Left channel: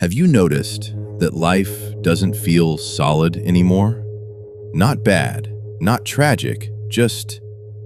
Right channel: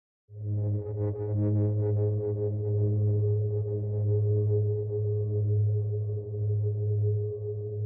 Have you noticed that life doesn't feel solid anymore? Not bad, not tragic, just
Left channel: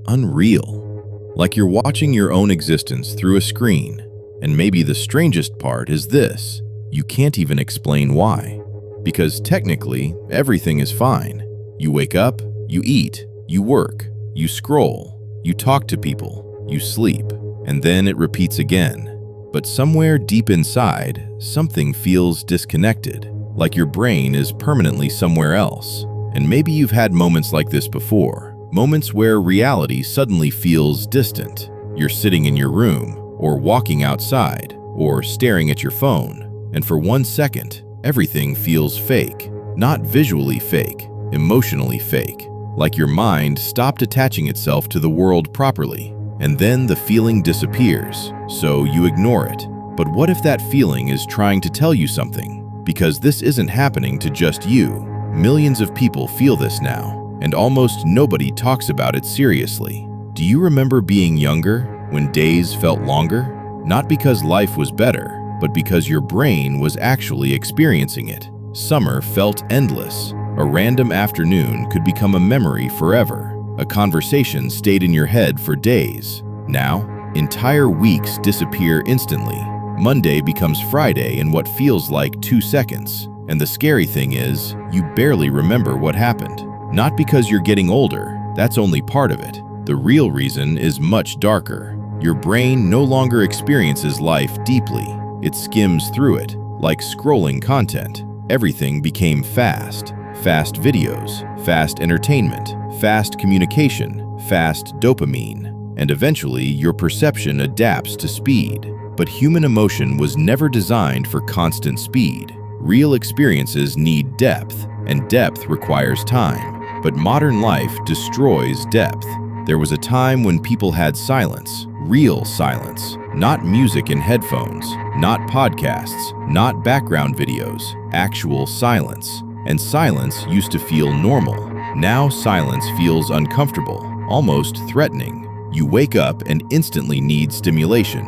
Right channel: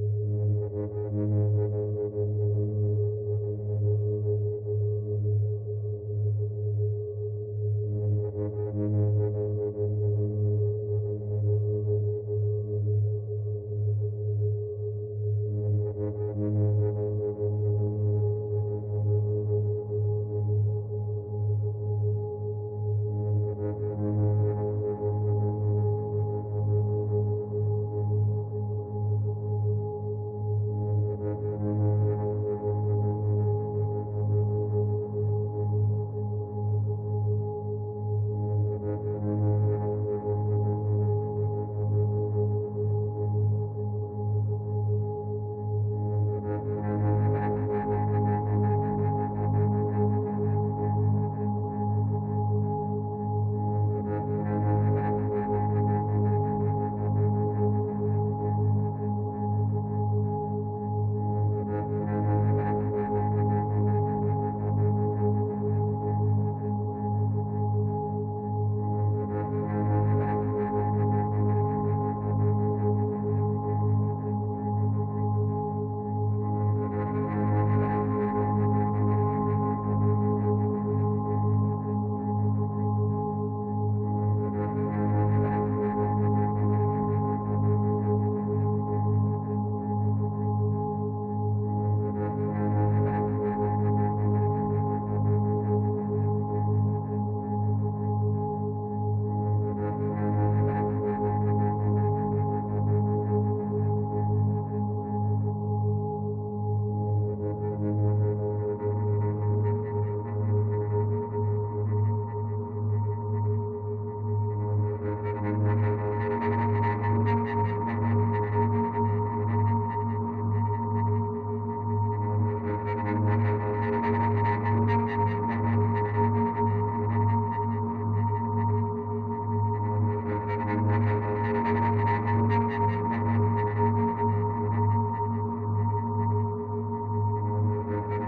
unreal. Like you're watching your own existence through a screen, and maybe the strangest part is this: you can't even explain why. Because technically, everything is fine. You wake up, you eat, you work, you scroll, you talk to people, you sleep, and then it repeats again. But somewhere deep inside, something feels disconnected, like your brain is permanently somewhere else. And maybe you've had moments like this before, moments where reality suddenly feels distant. You're sitting in your room, or walking outside, or staring at your phone, and for 1 second, everything feels fake. Not visually fake, emotionally fake, like your mind stopped attaching itself to the world properly. And then the feeling disappears, so you ignore it. But what if that feeling is trying to tell you something? Because this isn't happening to just you. Millions of people feel this now, and almost nobody talks about it seriously. Do you remember being younger, when days felt longer? Not because life was better, but because your brain was actually experiencing it. Summer felt endless. A random afternoon could become a memory forever. A conversation stayed in your head for days. Now, entire weeks disappear instantly. Monday becomes Friday in what feels like 2 seconds. And the scary thing is, you barely remember what happened. Not because you're getting older, that's only part of it. The real reason is much darker. Your brain no longer experiences life deeply. It skims through it, like scrolling content. Everything became fast. Fast videos, fast entertainment, fast communication, fast dopamine, and eventually your perception adapts to speed. But human emotion was never designed for constant speed. Real experiences need depth, and depth requires time. But modern life destroys depth. There was a time when people had silence, real silence, not music in headphones, not podcasts, not background videos, actual silence. And silence used to feel normal. Now silence feels uncomfortable, almost threatening. You wake up and instantly need stimulation.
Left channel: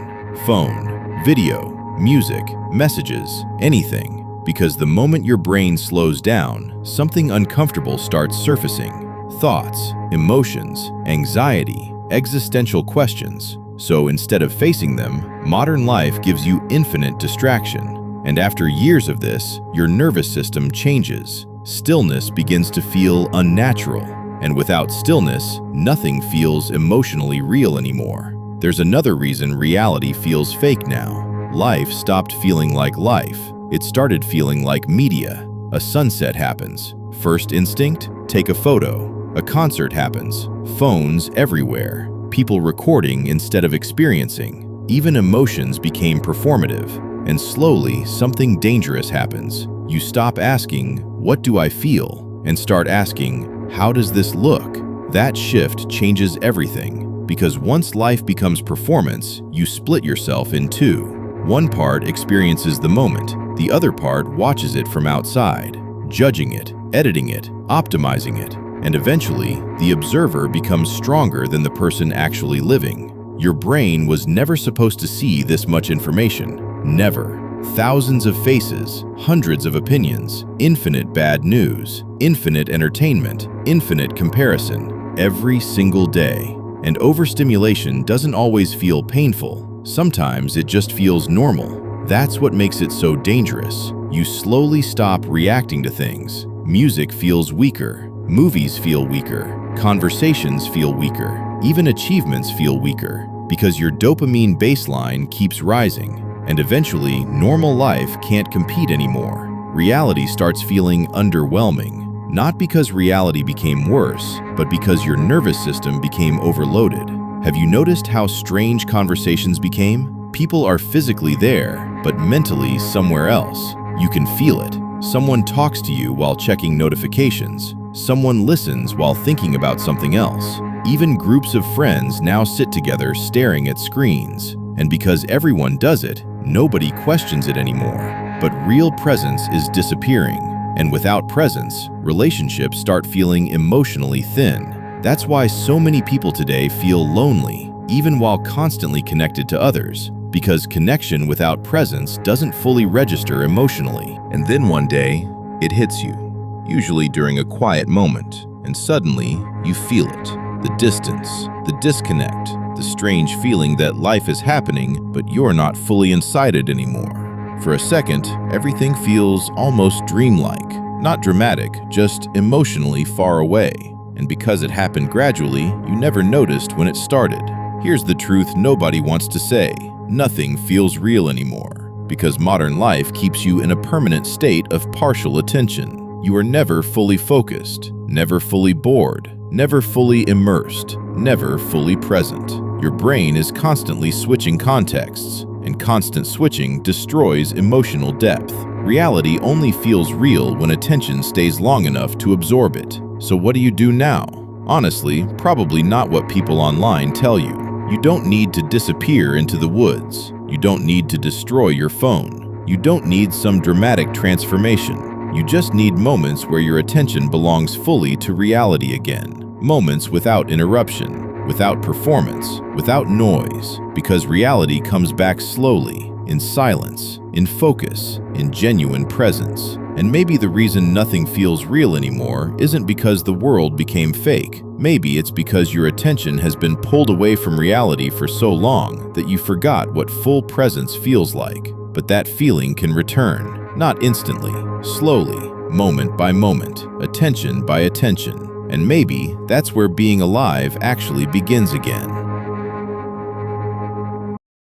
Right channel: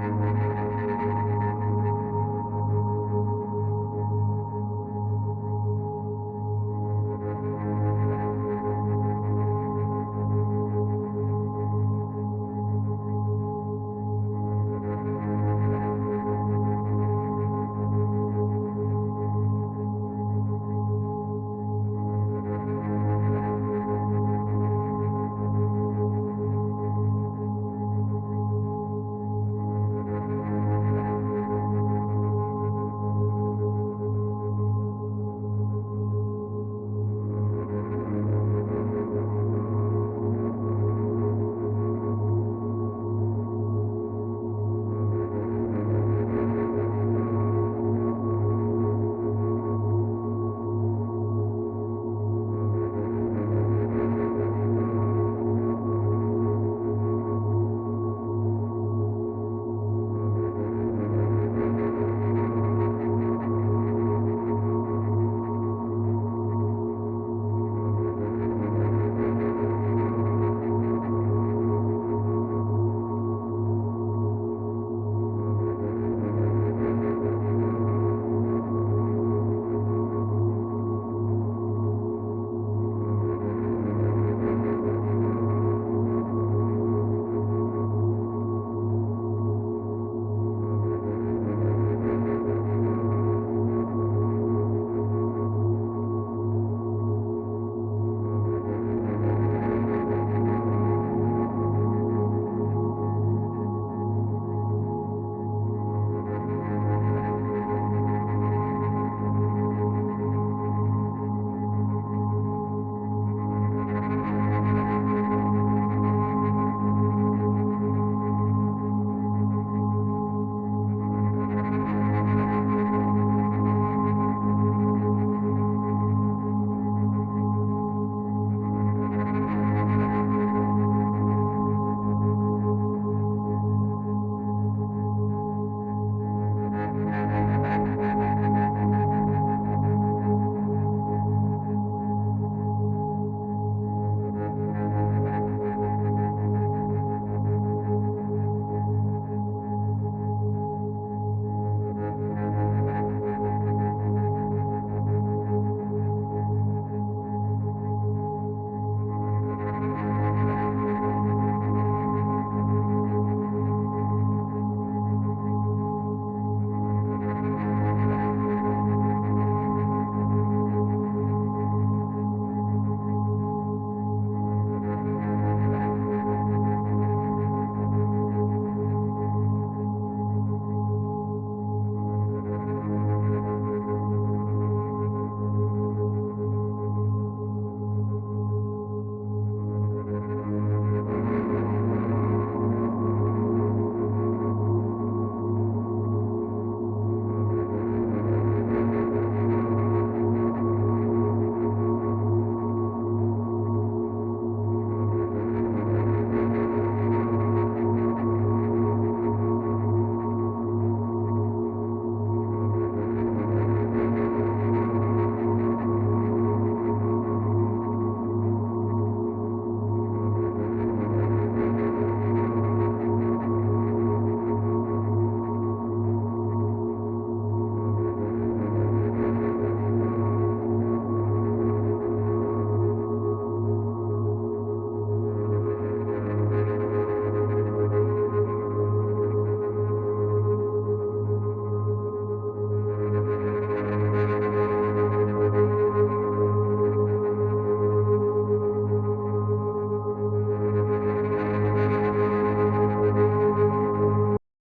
Phone, video, music, messages, anything. Because the moment your brain slows down, something uncomfortable starts surfacing. Thoughts, emotions, anxiety, existential questions. So instead of facing them, modern life gives you infinite distraction. And after years of this, your nervous system changes. Stillness begins to feel unnatural. And without stillness, nothing feels emotionally real anymore. There's another reason reality feels fake now. Life stopped feeling like life. It started feeling like media. A sunset happens. First instinct? Take a photo. A concert happens. Phones everywhere. People recording instead of experiencing. Even emotions became performative. And slowly, something dangerous happens. You stop asking, "What do I feel?" and start asking, "How does this look?" That shift changes everything, because once life becomes performance, you split yourself in two. One part experiences the moment, the other part watches it from outside, judging it, editing it, optimizing it, and eventually, the observer becomes stronger than the person actually living. Your brain was never supposed to see this much information. Never. Thousands of faces, hundreds of opinions, infinite bad news, infinite entertainment, infinite comparison, every single day. And overstimulation doesn't always feel painful. Sometimes it just feels normal. That's what makes it so dangerous. You slowly stop reacting to things. Music feels weaker. Movies feel weaker. Conversations feel weaker. Even achievements feel weaker. Because your dopamine baseline keeps rising. And eventually, normal life can't compete anymore. Reality starts feeling underwhelming. Not because reality became worse, but because your nervous system became overloaded. Have you noticed how strange conversations became? People are physically there, but mentally somewhere else. You can feel it. Someone talks to you while checking notifications. Someone listens while thinking about something else. Even groups of friends now sit together staring at screens. And because everyone does it, nobody questions it anymore. But real presence is disappearing. And without presence, relationships start feeling emotionally thin. That's why so many people today feel lonely, even while constantly connected to others. because connection without presence doesn't fully register emotionally. And then one day, it hits you, usually during a quiet moment, and suddenly you feel it. The distance, the disconnect, the strange feeling that life is happening, but you're not fully inside it anymore. For a second, everything feels almost dreamlike, not dramatic, just emotionally far away. And because it happened gradually, you never noticed when it started. Here's the truth nobody wants to say: nothing feels real anymore, because modern life keeps you in a permanent state of partial attention. You are never fully focused, never fully bored, never fully immersed, never fully present. Your brain is constantly switching contexts, and constant switching destroys emotional depth. Reality only feels real when attention stays long enough to absorb it. So what do you do now? Honestly, probably not what people online tell you. You don't need to disappear into the woods. You don't need to destroy your phone. You don't need some dramatic transformation. You just need moments where your attention belongs fully to reality again. Moments without interruption, without performance, without noise, because reality comes back slowly, in silence, in focus, in genuine presence. And maybe the reason nothing feels real anymore isn't because the world became fake. Maybe it's because your attention has been pulled away from reality for so long that you forgot what full presence feels like. But that feeling can return, not instantly, slowly, moment by moment, attention by attention. And maybe that's where being alive actually begins again.